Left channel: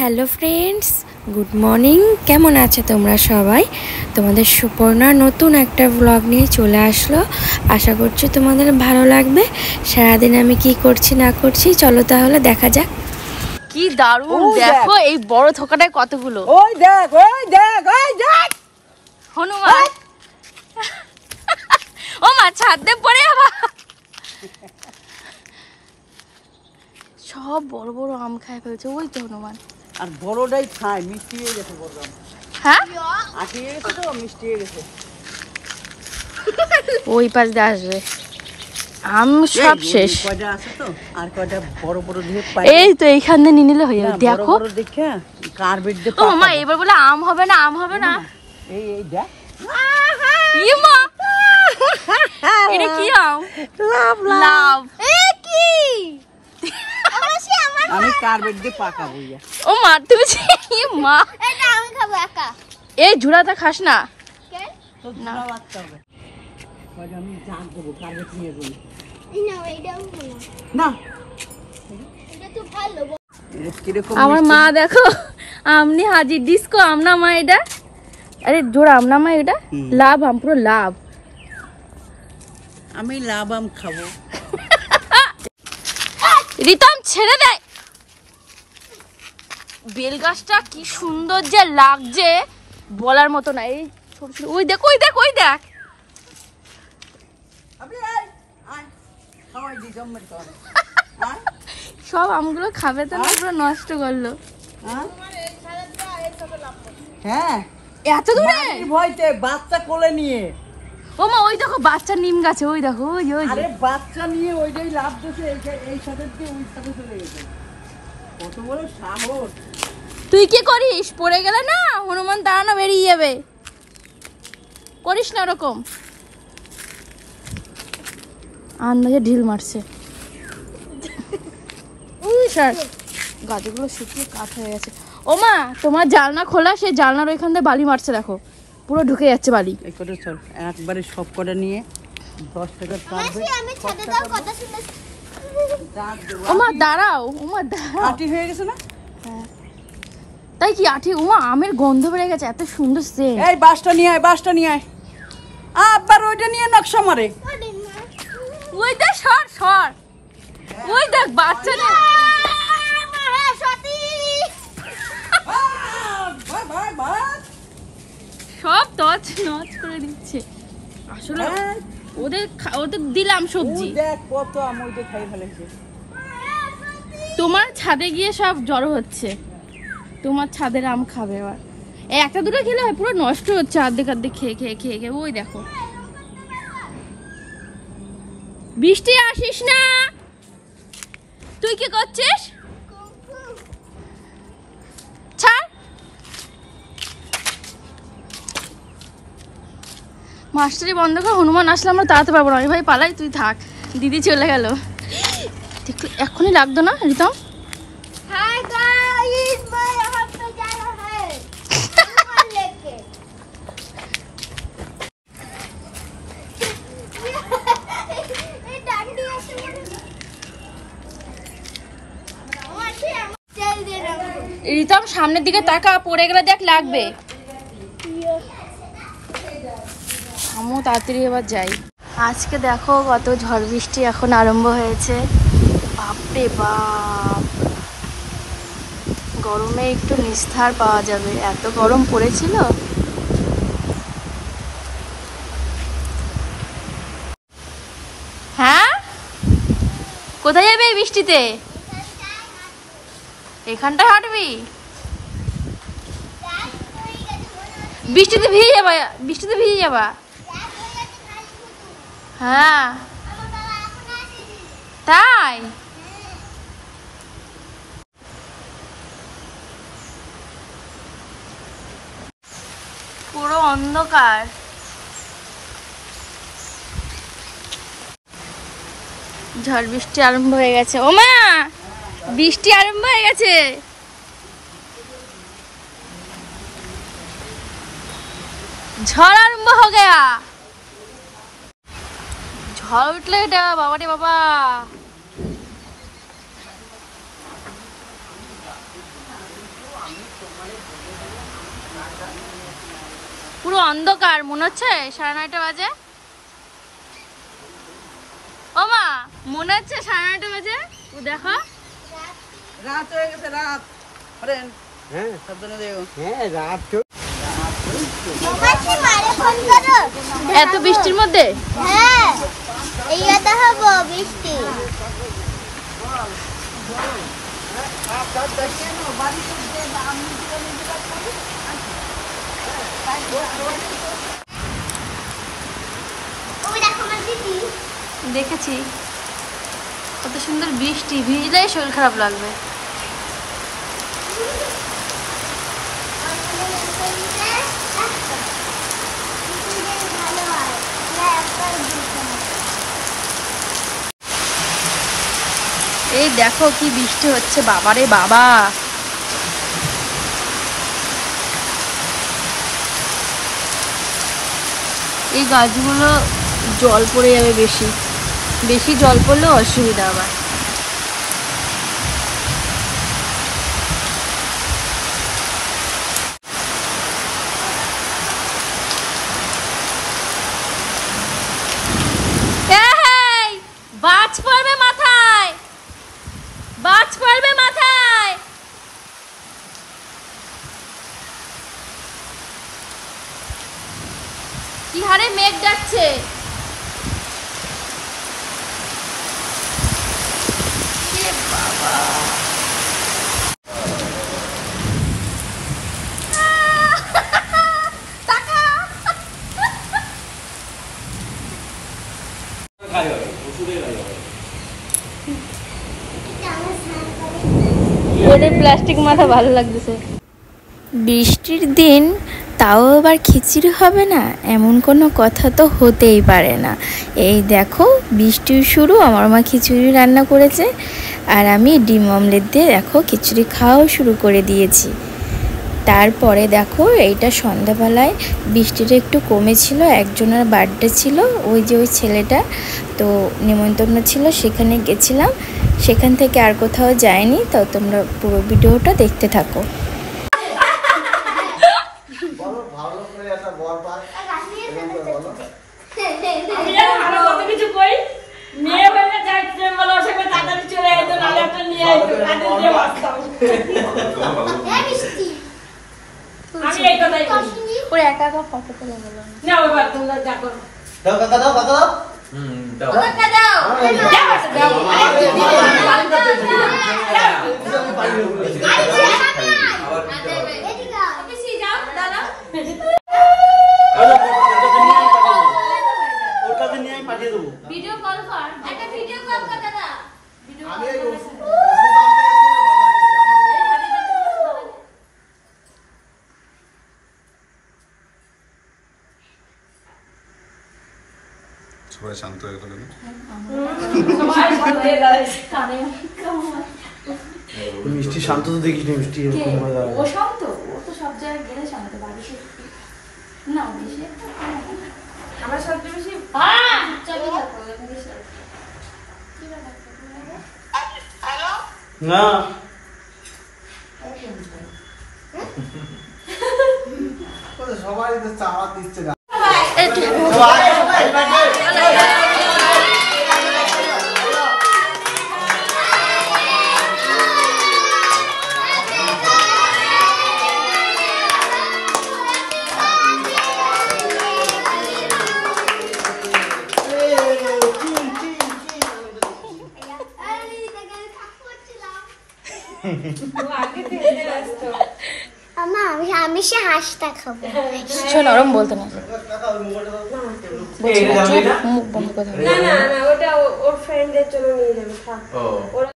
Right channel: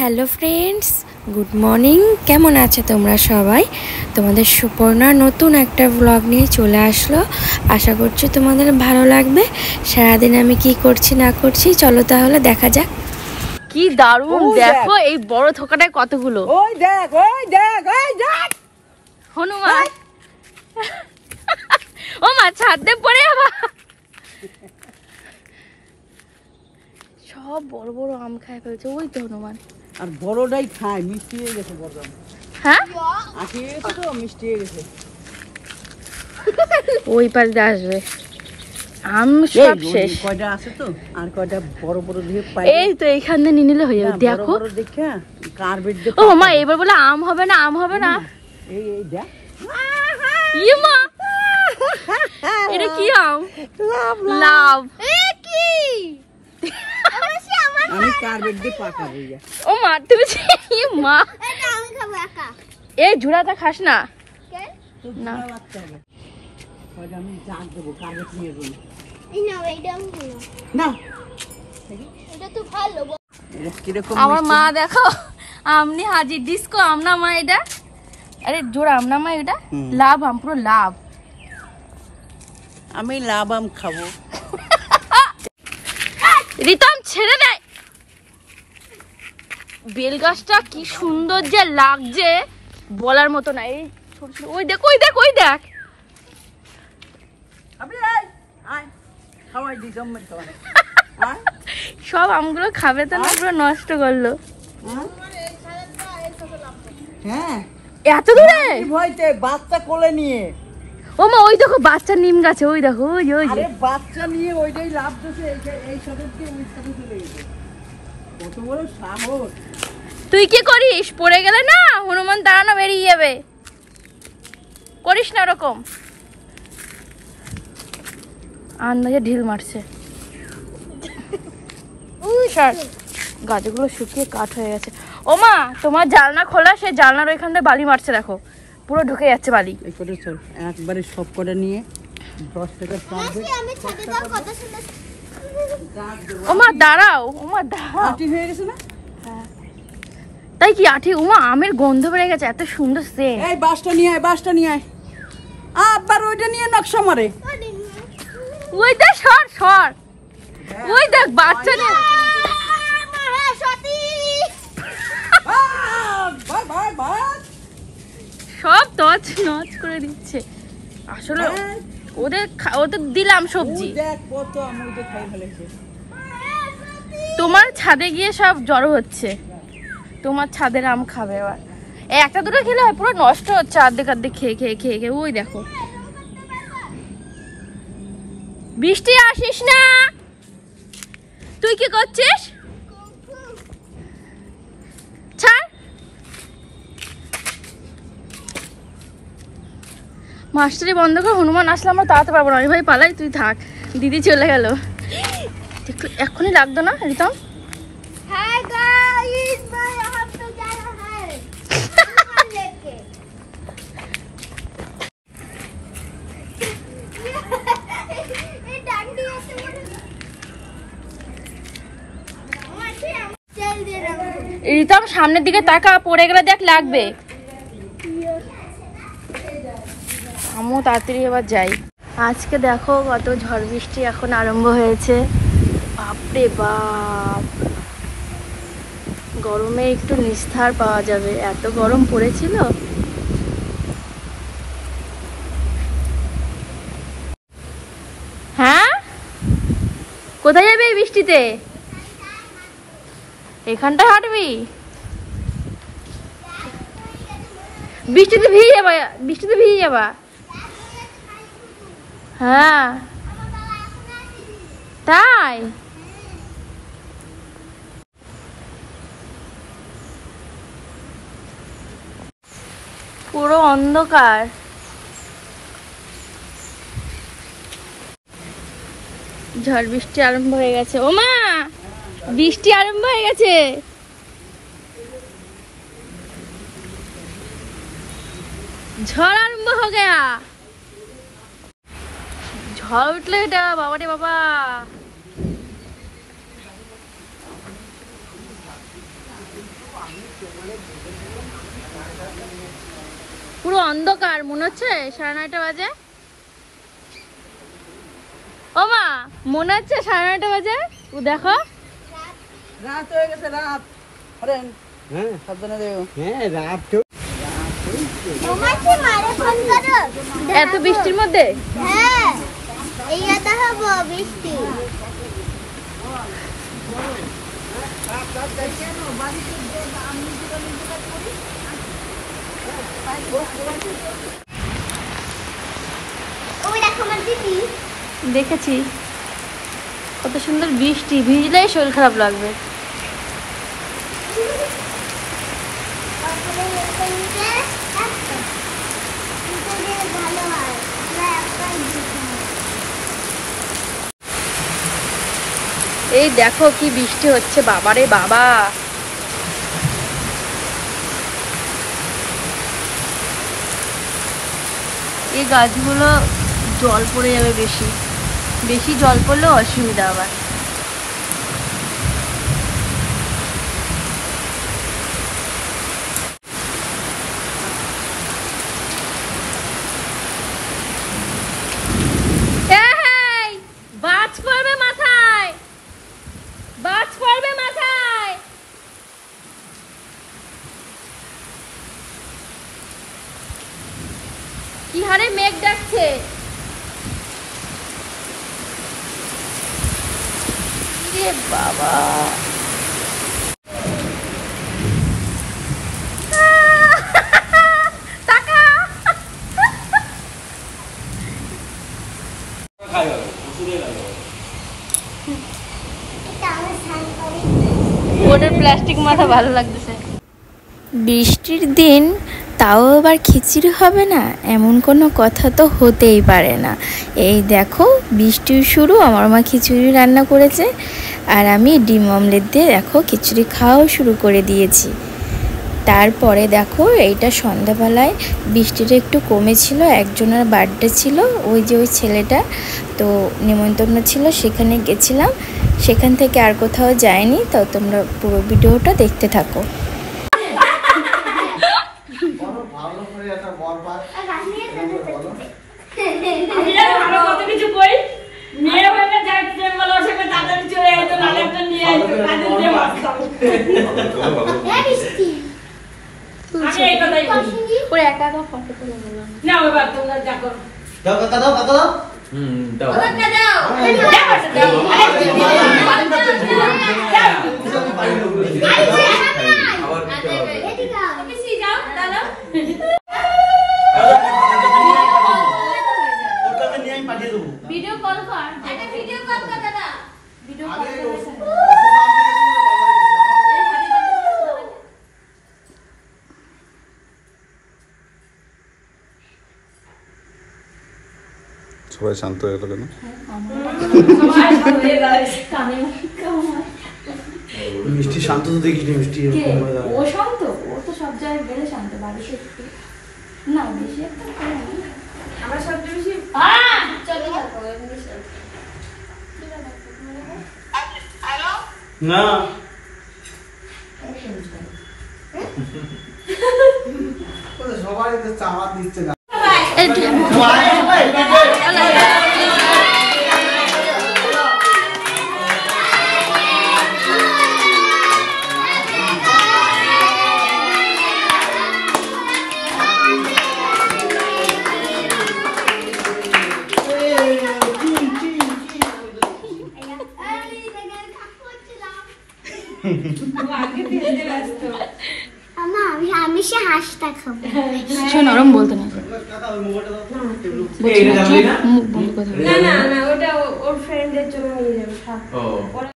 Hello friends, good morning. কেমন আছো তোমরা সবাই? তোমাদের সুপর্ণা নতুন একটা ব্লগ নিয়ে চলে আসলো। আশা করছি তোমাদের ভালো লাগবে। সারাদিন আমি কি করছি না করছি চলো তাহলে দেখা যাক। কি দারুণ দেখো এই বড় থোকাটায় কতগুলো। ওই দেখ ওই দেখ ওই দেখ হনুমান ও মা ছাদ দিয়ে পড়ে আবার সব বড় বড় আম খায় ফেলছে। ওই তো হনুমান। আর বড়টাই খায়, মিষ্টি হয়ে গেছে বড় আম। হ্যাঁ আটি হয়ে গেছে তো, মিষ্টি হয়ে গেছে। ওই পাশ দিয়ে আসবে আম সব শেষ। কয়টা আছে তো, আর কয়টা বড় বড় দিয়ে পাই। এই তো এইখান দিয়ে নিয়ে নিলে হয়ে যাবে। দেখো দেখে কার্বেট দিয়ে। ও মা এবার বলে আম হবে না, আম হবে না। এই এই দেখ ই মা এটা কি আম? লাভ। আমি কার্বেট দিয়ে পাকাবো। ও মা তুমি মা এটা আমি খাবো একা। এই ঝুড়াটা খাস না। তো না বাচ্চা হবে। কয়টা আমি জাগ দেবো কার্বেট নিয়ে গেল। না এইটাও না এটা তো ভালো। এটা কি রকম? আমার মা দেখো আমনি হাজির ডিস্কো আম না মা এটা। আরে জোর আম না মা এটা। লাভ আম, পুরো লাভ। আমি লাভ আম খাবো। রিতম ছেড়ে দে। বেল গাছটা কি সুন্দর যে লাগছে বলার মতো না। এই ওই দেখ ওই দেখ ওই দেখ। সব আমগুলো খাবে তো না, পুরো নষ্ট করলো। হ্যাঁ এত দূরে ভয়তে বাচ্চা কোলে নিয়ে। ও মা ওই দেখো বাচ্চা নিম গাছে। ওই দেখো ওই ওই আরে বাচ্চা নিয়ে ওইটাই লাভ দিতে, এই সাথে দিয়ে ওই সাথে চলে গেছে। কত বড় সাহস! তুই কি করিস? পড়ে গেলে না হনুমান দাঁড়ানো বেরিয়ে যাবে। করিস না ওরকম। আন্দাজে ঢিল মারছে। গাছগুলো শুকিয়ে কাঠ হয়ে গেছে। ও মা তোমার জানলা খোলা, সে জানলার ওইখান দিয়ে বালি মারছে দেখো, পুরো ঢুকে যাচ্ছে বালি। এই কটা চল একবারে সব কটা নিয়ে 10 টাকা পাবে। ও মা দাঁড়াও, ও মা দাঁড়াও। আটি হয়ে গেছে না? তাই কি আঠি? ও মা আমের গন্ধ বেড়ে গেছে, এত সুন্দর সেন্ট। এই বাসটা নিয়ে আয়, বাসটা নিয়ে আয়। আবার ওইটা নিয়ে নকশা মারে। ওই দেখ সর সর। ওই দেখ বাচ্চা নিয়ে সব তছ নচ করে দিচ্ছে। আসলে ওদের দিলাম সবজি। দেখ কত আম ওইটা খাই ফেলেছে। তোমার ছাদে গিয়ে সব জড়ো হচ্ছে। তোমার ছাদের আম খাবে এবার। একটা দুটো খেলে হয়, পুরো নষ্ট হচ্ছে আর্ধেক আর্ধেক খেয়ে খেয়ে খেয়ে খেয়ে। ওই দেখো বৃষ্টি আসিস না। তুই কি করছিস? ছাড়। মাস্টারি বন্ধ করে, হনুমান আসলে আমরা তাড়াতে পারবো না। ভাই পালাই, তুই থাক। দিদি চলে গেল। এক্ষুনি লাগতো না রিতম? রিতম সামনের দিকে তাকা, পড়ে গেলে দেখ লাগবে। আমও তাড়াতাড়ি এবার যাই। আজকে দেখো কত ঝড় বৃষ্টি এখন আরম্ভ হয়েছে। বাপরে বাপ, গরমে একটু নিস্তার পাওয়া যাবে, এত গরম পড়েছিল। হ্যাঁ কোথায় যাবে এই বৃষ্টিতে? এখানটায় হাঁটবি? বৃষ্টিতে ভিজে যাবা, বৃষ্টিতে ভিজে যাবা। হ্যাঁ তাই পুরো অন্ধকার। ঝড় বৃষ্টি আরম্ভ হয়ে গেছে। ও মা বৃষ্টি আরম্ভ হয়ে গেছে। ঝড় আরম্ভ हो गया। ঝড় উঠলে এটা বাবা রে বাবা। পুরো অন্ধকার মনে হচ্ছে 9:30 বাজে। ও মা মনে হচ্ছে 9:30 বাজে। ও দেখো রাত হয়ে গেছে, রাত। ফ্রেন্ড হ্যাঁ সাবধানে দেখো। হ্যাঁ রাত তো তোমাকে মারে ফোন করো। এত বৃষ্টির মধ্যে। হ্যাঁ এইটা হবো বৃষ্টি। তুমি দেখো না দিদি। দেখেছি কত সুন্দর বৃষ্টি, ভিজলেই শরীর খারাপ লাগবে। ভালো হয় এই দেখো কি বৃষ্টি হচ্ছে, বাবারে বাবা। এই গাছগুলো জল পড়ে যাবে, বেশি বেশি জল পড়লে অসুবিধা আবার। বাজ পড়বে মাথায়, বাজ পড়বে মাথায়। কি হারে মেঘ ডাকছে। এ বাবা প্লাস্টিক মাথা ভালো লাগতেছে। বৃষ্টির দিন তাও আবার খিচুড়ি হবে না, এমন কোনো কথা তো হতেই পারে না। এই দেখো বৃষ্টির শুরু, আমার মা খিচুড়ি রান্না করেছে আর আমি ডিম অমলেট দিয়ে দেখো খিচুড়ি খাওয়াও শুরু করে দিয়েছি। তারপরে দেখো এইটা সন্ধ্যাবেলায় বৃষ্টিটা একটু কমেছিল, একজনের বার্থডে ছিল, ওই যে ওই ছেলেটা, তো নিমন্ত্রণ ছিল, সেখানে গেছিলাম। সেখান থেকে আর কোথাও যায়নি, তো তোমরা পুরো ভিডিওটা দেখতে থাকো। ভিডিও কল কর, একটা ভিডিও কল কর দাদা, ভিডিও কল কর। সবাই শান্ত হয়ে গেল কেন? মিষ্টি শান্ত তো দেখিস মিষ্টি। ও শান্ত, ও তো সব জায়গায় গেলে শান্ত, বাড়িতে না বেশি একটা আমরা সবচেয়ে বেশি চলে যাবো না সবাই তো চাওয়া দিচ্ছে না। আমি সে হাঁসটা খাবো। নরম বলতে না, এই মুখ বন্ধ কথা। না ওটা ওর ফ্রেন্ডের জন্য নিয়ে যাবে।